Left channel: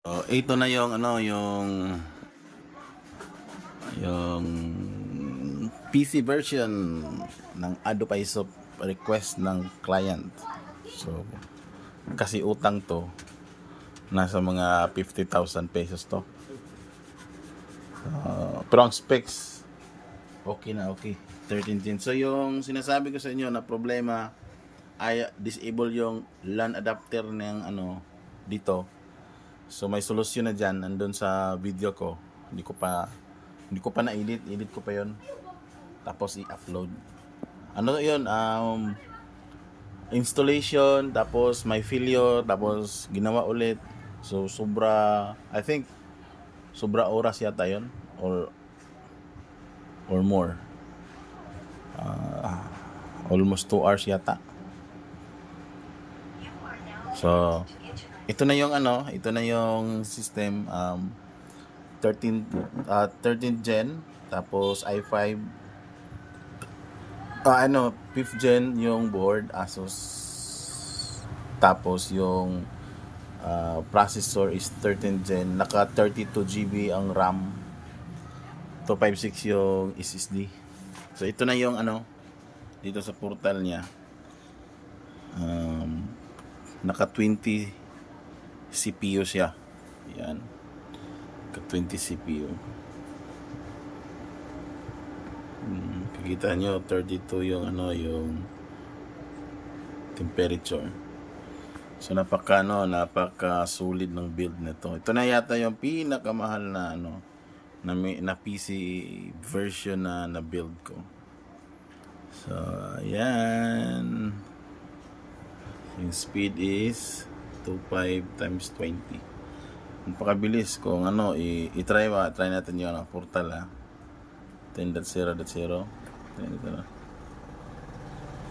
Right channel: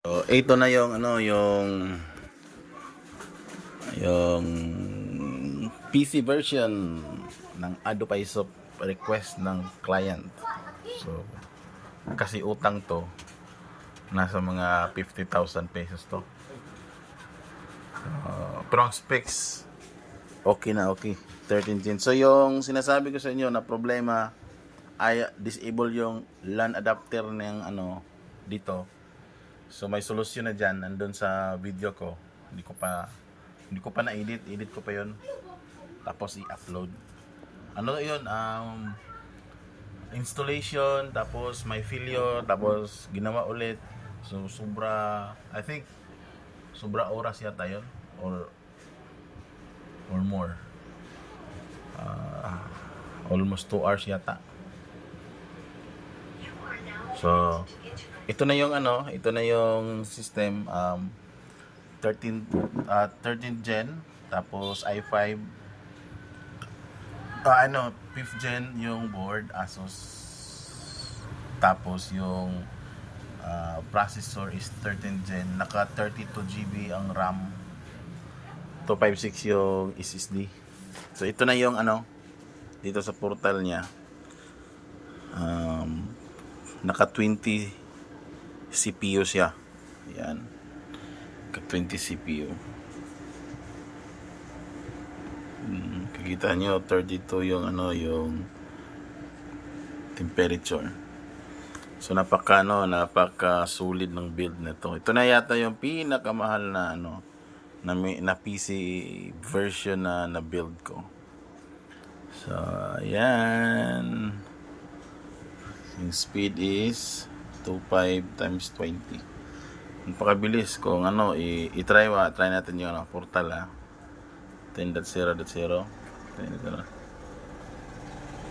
So, ito na yung ano, yung yung PC version ng Adobe ISOP request ng client. So, kasi utang to, nasa mga 50,000 pesos to. Uh, pero ang specs, okay na okay. 13 gen. So, yung sinasabi ko sa inyo na problema, ay disable yung LAN adapter ng ano, dito. So may solusyon na diyan nandun sa video ko. Hindi ko pa hindi ko pa na-edit, edit ko pa 'yon. Tapos i-upload. Ano 'yon? Um installation, tapos may failure, tapos ginawa ulit. So sobra I think sobra oras yata 'yon or or more. Ah, almost 2 hours yata. So, ito na yung ano, ito na yung system um 13 uh, 13 gen tapos i5 ah, ano 5th gen yung board Asus tapos yung uh, processor is 13 gen naka 32 GB ang RAM 256 yung SSD so ito na yung ano dito sa portal niya. Um, naka 20 CPU siya. Yan. Naka 20 CPU. Hmm, kikita nyo 32 yung ano yung temperature. So napaka ano, napaka solid ng build nito. Ito na yata yung pinakamahal na ano na, na PC version na na build ko. So, ayan. Yung speed is 25 times 20. Napakabilis kung ano, i-try wa, try natin yung ano, portal ah. 10.0.0. 10.0.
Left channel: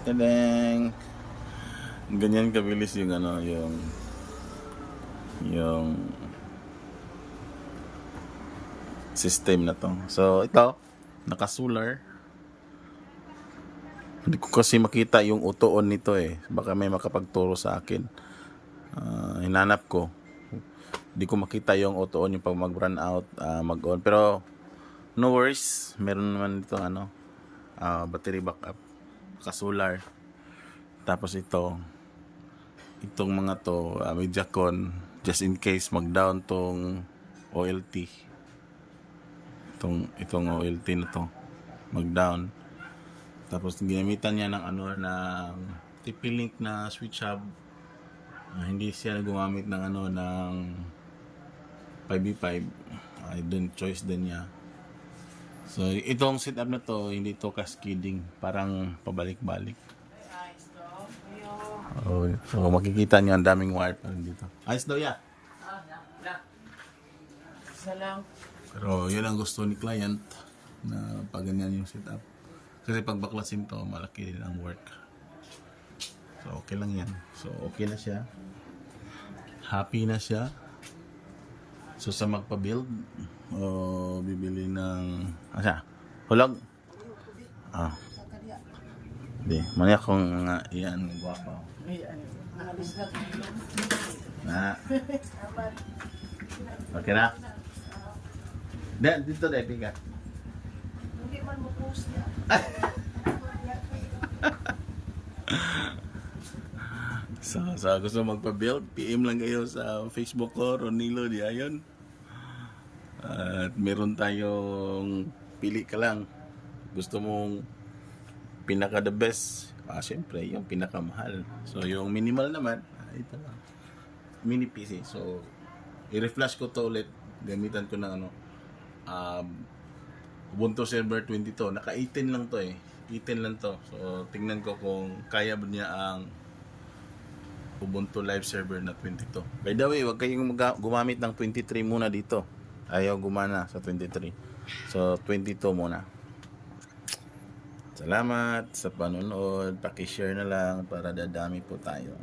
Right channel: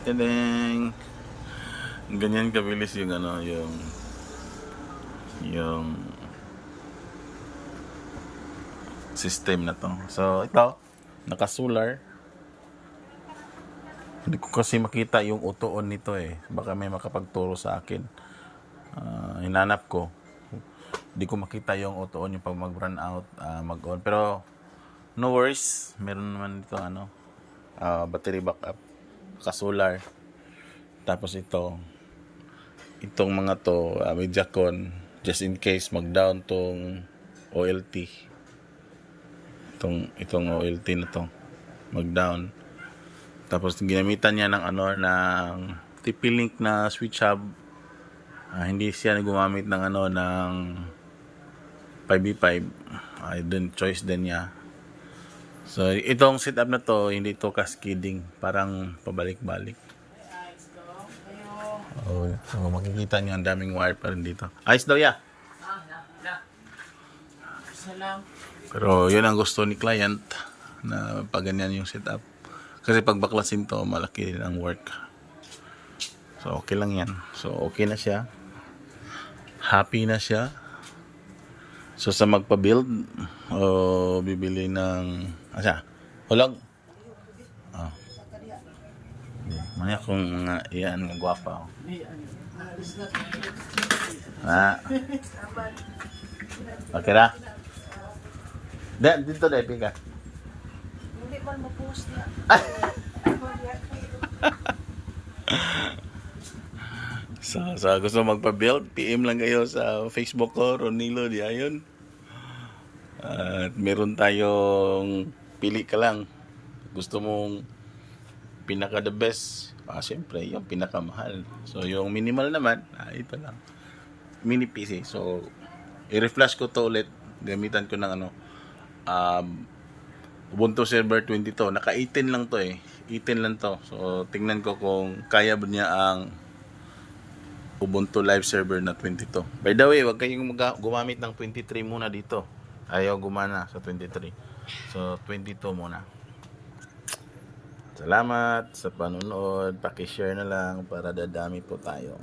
Tadang! Ganyan kabilis yung ano, yung yung system na to. So, ito, naka-solar. Hindi ko kasi makita yung utoon nito eh. Baka may makapagturo sa akin. Hinanap ko. Hindi ko makita yung utoon yung pag mag-run out, ah, mag-on. Pero, no worries. Meron naman dito ano, ah, battery backup. Ka-solar. Tapos ito, itong mga to, uh, may Jacon, just in case mag-down tong OLT. Itong, itong OLT na to, mag-down. Tapos ginamitan niya ng ano ng TP-Link na switch hub. Ah, hindi siya gumamit ng ano ng 5v5. Ay dun choice din niya. So itong setup na to hindi to cascading, parang pabalik-balik. Oh, so makikita niyo ang daming wire pa rin dito. Ayos daw ya. Salam. Pero yun ang gusto ni client na pag ganyan yung setup. Kasi pag baklasin to, malaki din ang work. So, okay lang yan. So, okay na siya. Happy na siya. So, sa magpa-build, o bibili ng, asa, hulog. Ah. Hindi. Manya kung nga, yan, nga gwapa. Oh. Ah. Okay na? Di, dito dahil pika. Hindi man mapuhos na. So, sa gusto magpa-build, PM lang kayo sa Facebook ko, Ronilo Diayon. At meron tayong pili ka lang. Gusto mong pinaka the best. Ah, siyempre, yung pinakamahal. So, yung minimal naman, ah, ito lang. Mini PC. So, i-reflash ko to ulit. Gamitan ko ng ano, um, Ubuntu Server 22. Naka 18 lang to eh. 18 lang to. So, tingnan ko kung kaya ba niya ang Ubuntu Live Server na 22. By the way, wag kayong gumamit ng 23 muna dito. Ayaw gumana sa 23. So, 22 muna. Salamat sa panonood. Paki-share na lang para dadami po tayo.